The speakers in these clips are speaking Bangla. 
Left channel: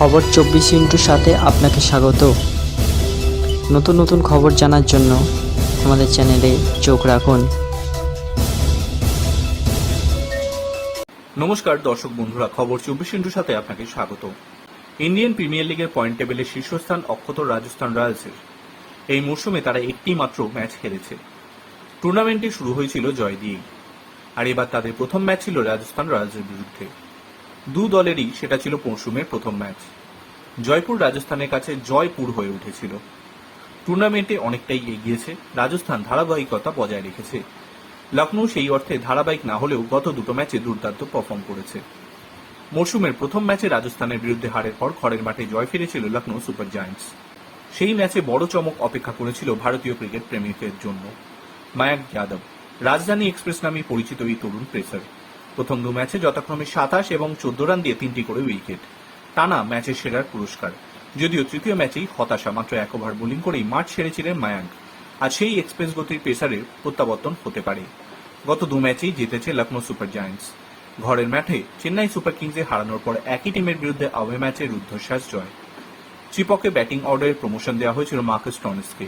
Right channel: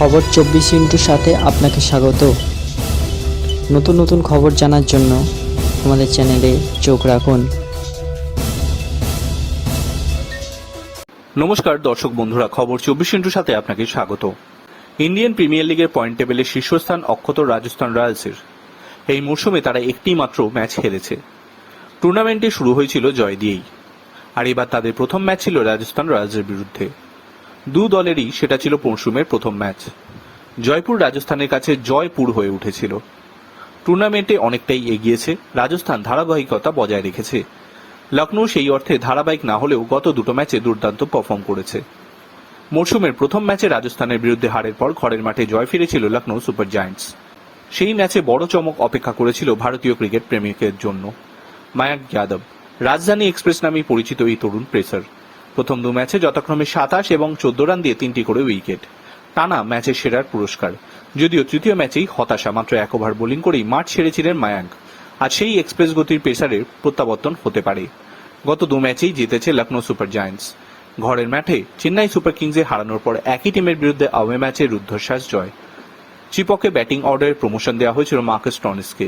খবর 24 সাথে আপনাকে স্বাগত। নতুন নতুন খবর জানার জন্য আমাদের চ্যানেলে চোখ রাখুন। নমস্কার দর্শক বন্ধুরা, খবর 24 সাথে আপনাকে স্বাগত। ইন্ডিয়ান প্রিমিয়ার লিগের পয়েন্ট টেবিলের শীর্ষস্থান অক্ষত রাজস্থান রয়্যালসের। এই মরশুমে তারা একটি মাত্র ম্যাচ হেরেছে। টুর্নামেন্টে শুরু হয়েছিল জয় দিয়েই, আর এবার তাদের প্রথম ম্যাচ ছিল রাজস্থান রয়্যালসের বিরুদ্ধে। দু দলেরই সেটা ছিল মরশুমের প্রথম ম্যাচ। জয়পুর রাজস্থানের কাছে জয়পুর হয়ে উঠেছিল। টুর্নামেন্টে অনেকটাই এগিয়েছে রাজস্থান, ধারাবাহিকতা বজায় রেখেছে। লখনৌ সেই অর্থে ধারাবাহিক না হলেও গত দুটো ম্যাচে দুর্দান্ত পারফর্ম করেছে। মরশুমের প্রথম ম্যাচে রাজস্থানের বিরুদ্ধে হারের পর ঘরের মাঠে জয় ফিরেছিল লখনৌ সুপার জায়ান্টস। সেই ম্যাচে বড় চমক অপেক্ষা করেছিল ভারতীয় ক্রিকেট প্রেমিকের জন্য। মায়াঙ্ক যাদব, রাজধানী এক্সপ্রেস নামে পরিচিত এই তরুণ পেসার, প্রথম দু ম্যাচে যথাক্রমে 27 এবং 14 রান দিয়ে 3টি করে উইকেট, টানা ম্যাচের সেরার পুরস্কার। যদিও তৃতীয় ম্যাচেই হতাশা, মাত্র 1 ওভার বোলিং করেই মাঠ ছেড়েছিলেন মায়াঙ্ক। আর সেই এক্সপ্রেস গতির পেসারের প্রত্যাবর্তন হতে পারে। গত দু ম্যাচেই জিতেছে লখনৌ সুপার জায়ান্টস। ঘরের মাঠে চেন্নাই সুপার কিংসে হারানোর পর একই টিমের বিরুদ্ধে অ্যাওয়ে ম্যাচে রুদ্ধশ্বাস জয়। চিপকে ব্যাটিং অর্ডারে প্রমোশন দেওয়া হয়েছিল মার্কাস স্টোনেসকে।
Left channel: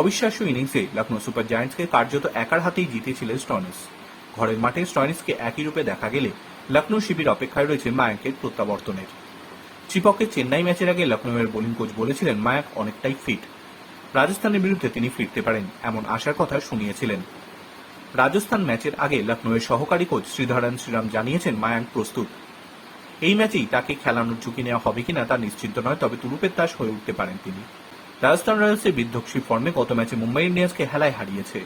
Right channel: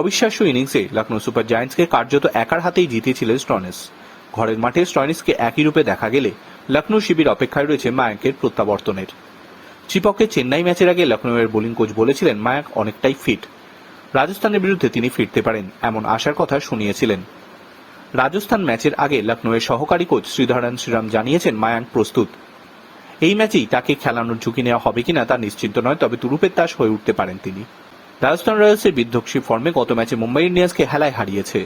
অবিশ্বাস্য ইনিংসে লখনৌ সুপার জায়ান্টসকে কার্যত একার হাতেই জিতিয়েছিলেন স্টোনেস। ঘরের মাঠে স্টোনেসকে একই রূপে দেখা গেলে লখনৌ শিবির অপেক্ষায় রয়েছে মায়াঙ্কের প্রত্যাবর্তনের। চিপকে চেন্নাই ম্যাচের আগে লখনৌয়ের বোলিং কোচ বলেছিলেন মায়াঙ্ক অনেকটাই ফিট, রাজস্থানের বিরুদ্ধে তিনি ফিরতে পারেন এমন আশার কথা শুনিয়েছিলেন। রাজস্থান ম্যাচের আগে লখনৌয়ের সহকারী কোচ শ্রীধরন শ্রীরাম জানিয়েছেন মায়াঙ্ক প্রস্তুত। এই ম্যাচেই তাকে খেলানোর ঝুঁকি নেওয়া হবে কিনা তা নিশ্চিন্ত নয়, তবে তুরুপের তাস হয়ে উঠতে পারেন তিনি। রাজস্থান রয়্যালসের বিধ্বংসী ফর্মে গত ম্যাচে মুম্বাই ইন্ডিয়ান্সকে হেলায় হারিয়েছে।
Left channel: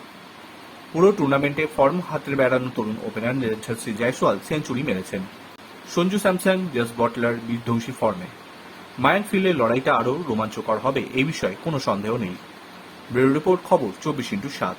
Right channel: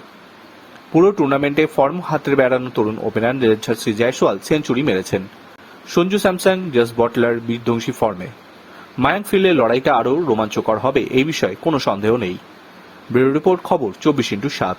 পুরো টুর্নামেন্টে ফর্ম হাতে বেড়ানো তরুণ ওপেনার যশস্বী জয়সওয়াল সেঞ্চুরি মেরেছেন। সঞ্জু স্যামসন, জস বটলার বিধ্বংসী ফর্মে। মায়াঙ্ক ফিল্ডে লড়াইটা আরও রোমাঞ্চকর হবে, এই বিষয়ে কোনো সন্দেহ নেই। ব্যুরো রিপোর্ট, খবর 24x7।